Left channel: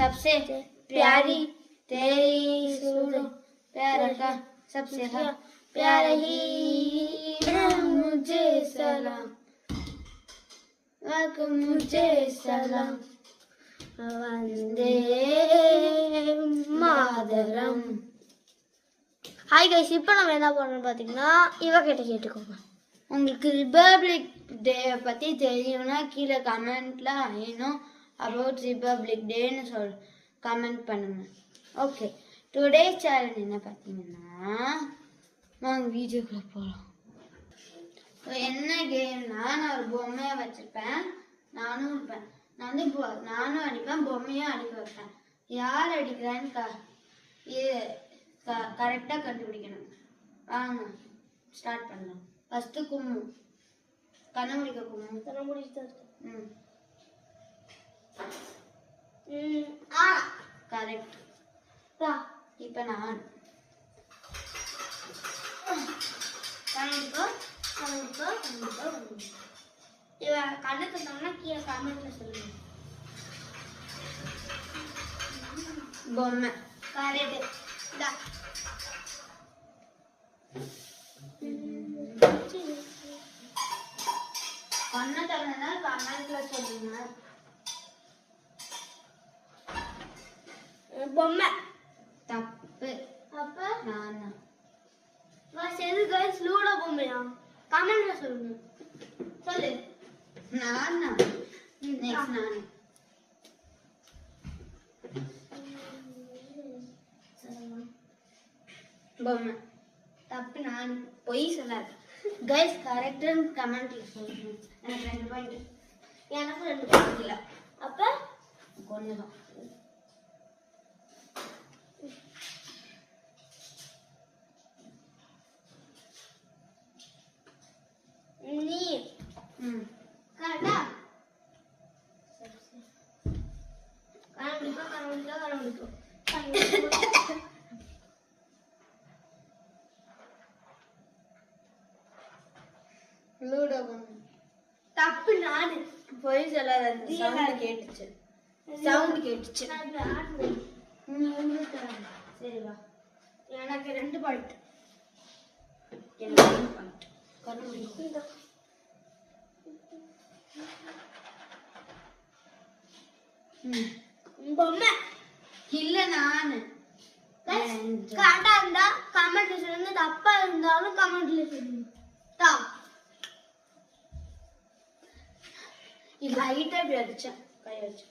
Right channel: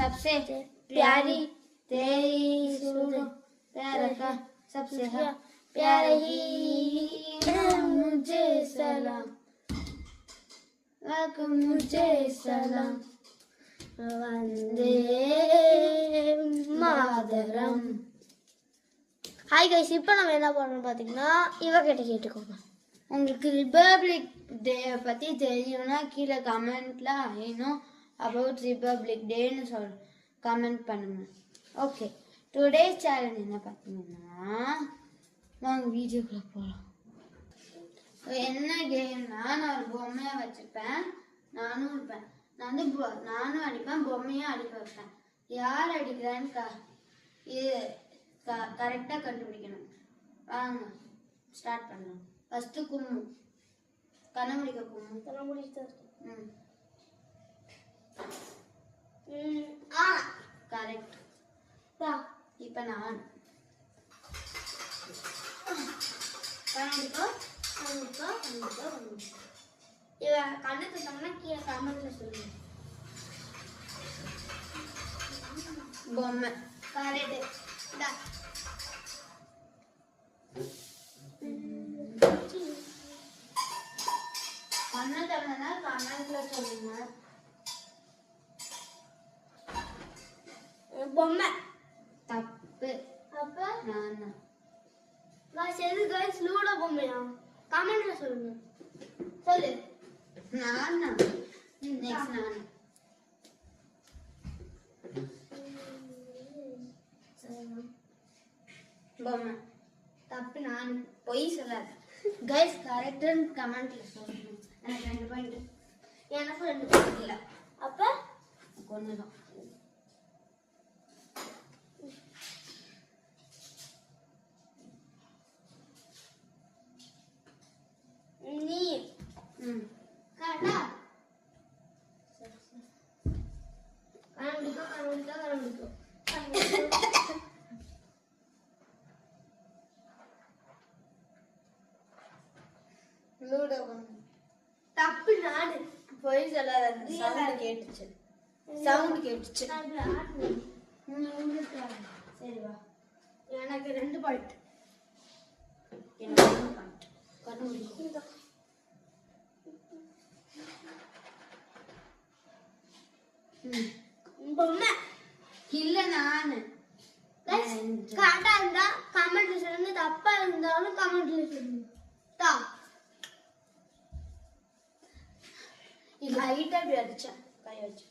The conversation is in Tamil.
सबसे प्यारी तेरी सूरत प्यार का सबसे प्यारा ही मुझे सलाम मुझे सलाम वंदे मातरम. ஹாய் கைஸ், இப்போ நம்ம என்ன பண்ணணும் பார்த்தீங்கன்னா இவகிட்ட கேட்டுக்கோங்க. உங்களுக்கு ரிபப்ளிக் டே பற்றி தெரியும்னா கீழே கமெண்ட்டில் ஐநோ அபவுட் ரிபப்ளிக் டேன்னு கமெண்ட் பண்ணுங்க. ஓகே, டுடே சேலஞ்ச் என்ன பார்த்தீங்கன்னா நாங்கள் வீடியோக்குள்ளே போகலாம். என்ன கேம்னா, நான் ஒரு பொம்மையை வச்சுருப்பேன், நானும் இருப்பேன். நானும் அடிப்பேன், பொம்மையும் அடிக்க வைப்பேன். யார் அடிக்கிறான்னு இது கரெக்டாக கண்டுபிடிக்கணும். வாங்க ஸ்டார்ட் பண்ணலாம். ஃபஸ்ட்டு கும்மு, கண்ணமுடிக்க கும்மு. கண்ணமுடிக்க கரெக்ட். இப்போ நான் கண்ணை தந்தோம்னா கீழே கமெண்ட்ல சொல்லுங்க. பொம்மை கரெக்ட். கண்ணை தந்தனா கமெண்ட்ல சொல்லுங்க. பொம்மை தப்பு. அப்ப நானா சரி கைஸ், லூடோ பொம்மையா? கமெண்ட்ல சொல்லுங்க. சொல்லு. நானா நெக்ஸ்ட் நானா பொம்மை தப்பு. நான் பொய் சொல்லாது கைஸ். கரெக்டான கமெண்ட்ல சொல்லுங்க. எனக்கு 2 பாயிண்ட். எனக்கு 2 பாயிண்ட் இல்லை. அப்ப கொஞ்சம் தான். நீ கரெக்டா கண்டுபிடிக்கும். லூடோ தப்பு. நானு பொய் சொல்லாத. சவுண்ட் கேட்டுச்சு. சரி வா. எனக்கு 2 பாயிண்ட். எனக்கு 2 பாயிண்ட். பொம்மை இல்ல. நானு கரெக்டா இருந்தா கமெண்ட்ல சொல்லுங்க, தப்பா இருந்தாலும் கமெண்ட்ல சொல்லுங்க. இது ஹைட்டா இப்படி அடிச்சேன், கை வச்சு.